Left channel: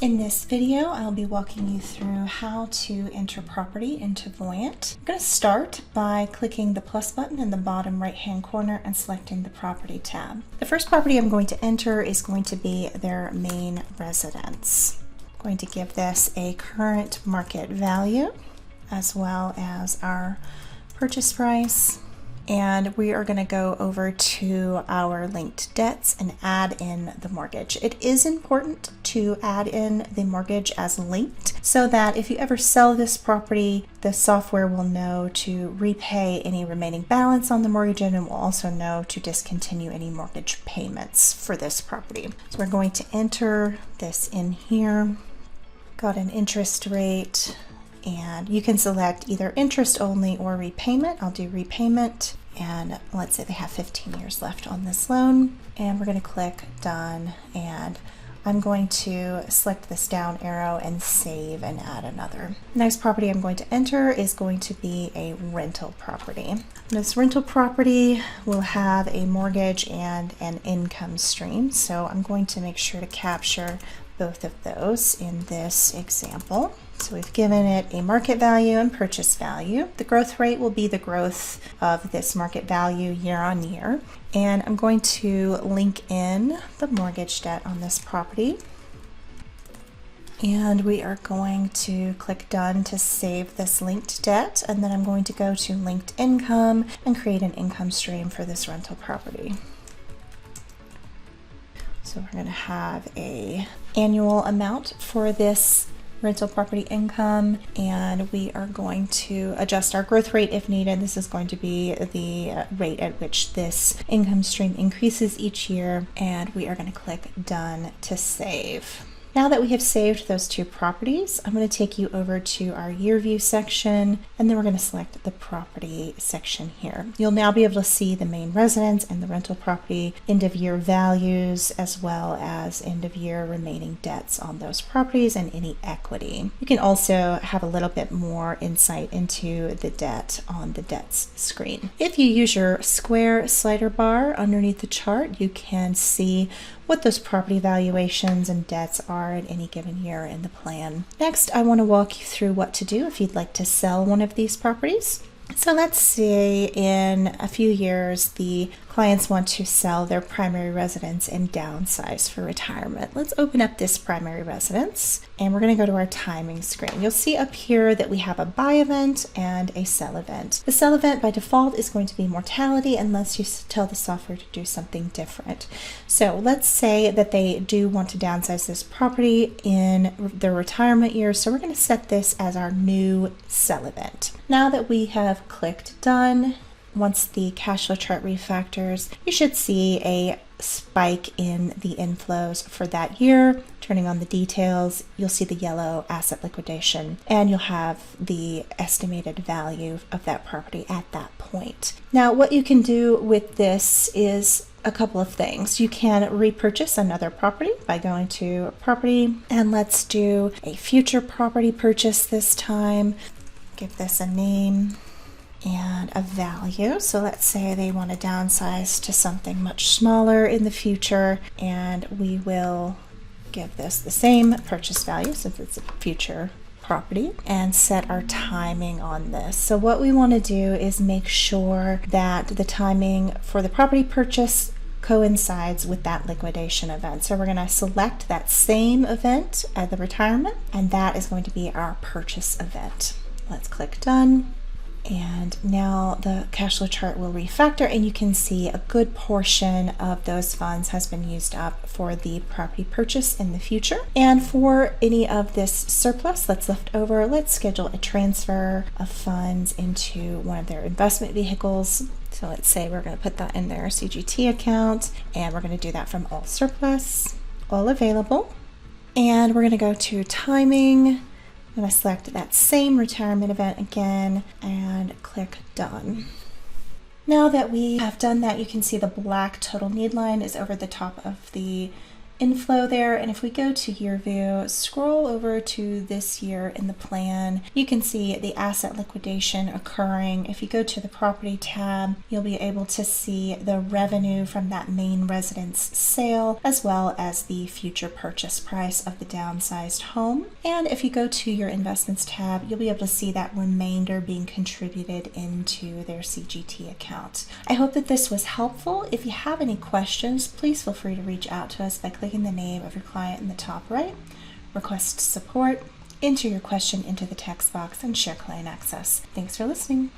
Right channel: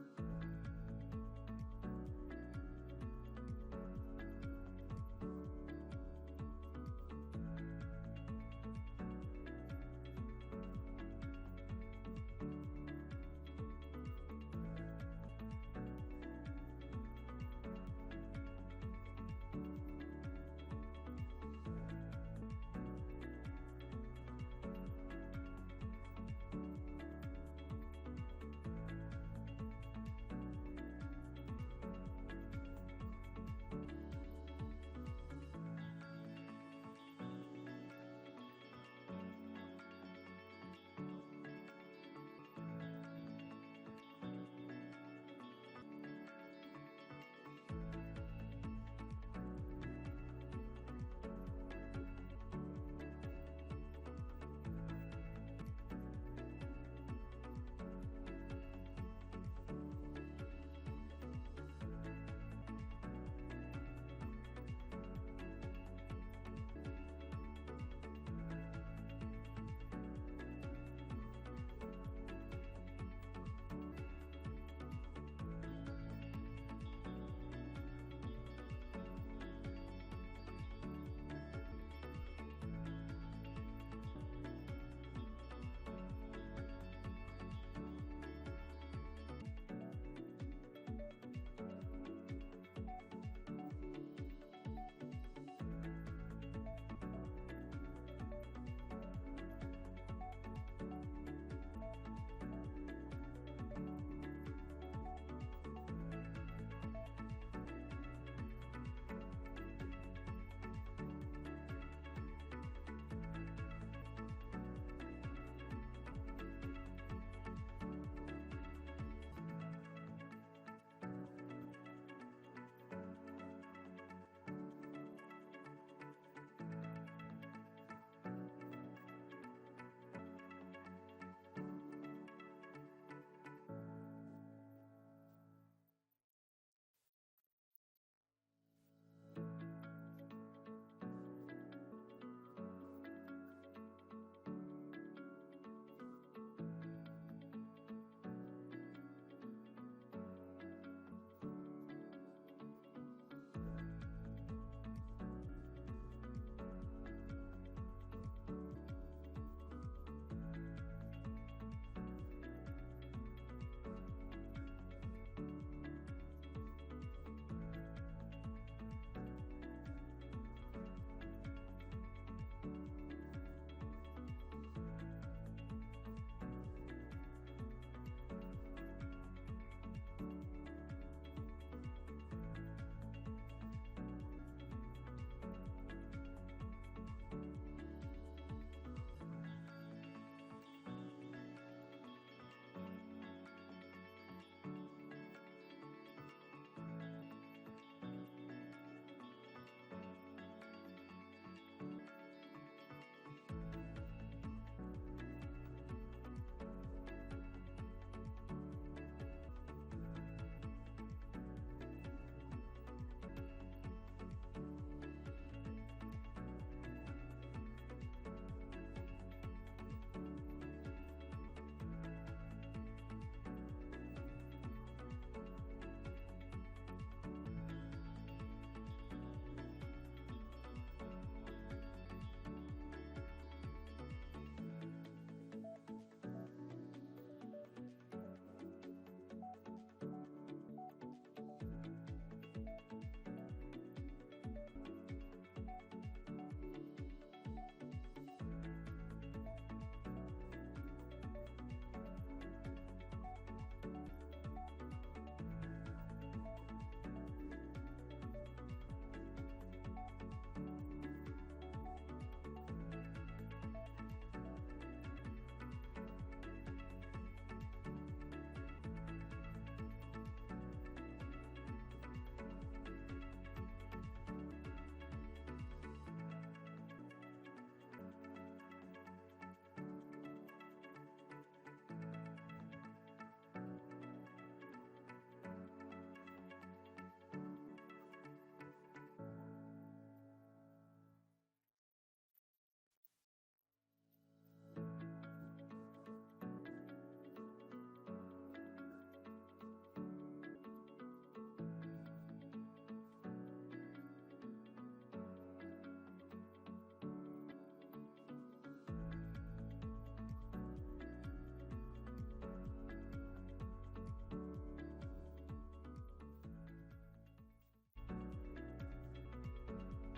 In this video, I'll be walking you through how to enter property into Voyant. I'm going to start by clicking the plus button in the bottom right-hand corner and selecting the property tab. The first property I'm going to enter is going to be their main residence. I'm going to give this a current market value as well as our purchase price. And we are going to go over to our linked debts and add in the mortgage. It is important to add in the mortgage as linked so that if you ever sell this property, the software will know to repay any remaining balance on the mortgage and it will also know to discontinue any mortgage payments for this property. So we're going to enter this in here. Got an interest rate. And you can select either interest only or repayment. I'll do repayment. And let's say they have 15 years left on this loan. And we're going to click done. And I'm going to select this down arrow and save and add another. Next property I'm going to enter is going to be a rental property. This rental property will have a mortgage and an income stream. So I'm going to make sure to capture both of those in this example. So we've given it a market value and purchase value. The growth rate will be the growth of this market value year on year. And I'm going to link in the mortgage debt on this property. And we are going to click done to save this linked debt. And then I'm going to go to linked income and create an income stream for this rental property. So we're going to have a annual amount for this rental property income, and we are going to adjust our growth rate if needed. This is going to be the rate at which this income stream increases each year, and we are going to click done to save. Now that we have saved those two properties, I'm going to take you over to our year view section, and then we're going to select the property section here. You'll now be able to see the main residence and the rental property end of year values, as well as end of year remaining debts on those properties and any equity. You can also have a little bit more insight into the debt on the debts screen. If you use your square slider bar underneath the chart, you can see what those property valuations and debts are at any given year in the plan. Next, I want to walk you through what to do if you'd like to sell one of these properties. So let's say in a few years, the clients want to sell their primary residence and downsize for retirement. Let's open up this primary residence and we're going to go to our timing screen. You'll see up here that we have a buy event and a sell event. The sell event by default is going to be mortality unless you tell the software to do something different. So let's say that they do want to downsize this property in their retirement years. So we're going to set this as our new sell event. Now that we have clicked done, once the cash flow chart refactors, you should see a spike in the inflows for that year. Turning on the details, you'll see the yellow asset liquidation, and you'll have the estimated value of that property at that point. Now, what you can do with this is a couple of things. You can repurchase another property by going to property, and let's do a future property purchase this time. Give this a name and a value. So let's say they want to downsize to something much smaller in the future, and we will give this the same purchase value since it's a future property, and set our timing on this. So what we want to do is make sure that the timing for the property purchase coincides with that liquidation event. So we're going to select that same event at the retirement, and that is going to be our purchase event. Let's click done. And now the cash flow chart will refactor, and you can see a good portion of those funds has been used up for the property purchase in the future. And for any of this surplus that's left over, let's schedule a transfer of funds into one of their investment vehicles. So let's say we're going to put that in their CGT account, and we're going to do that from all surplus, all available. And we're going to go to timing. I'm going to select that same retirement event again and click done. Now that we have done that, you can see the black total need line is over the top of the inflow there. And if we go to year view, scroll over to this year in the plan, you can see the asset liquidation occurring. If you go to the property tab, you'll be able to see the revenue from that main residence sale, as well as the future purchase price of the downsized home. And if you go to your investments tab, you'll be able to see that remainder being contributed into their CGT account. I hope that this was helpful. If you have any questions, please feel free to reach out to us by clicking the name of your client in the top right, request support, enter your question into the text box, and share client access. Thanks for listening.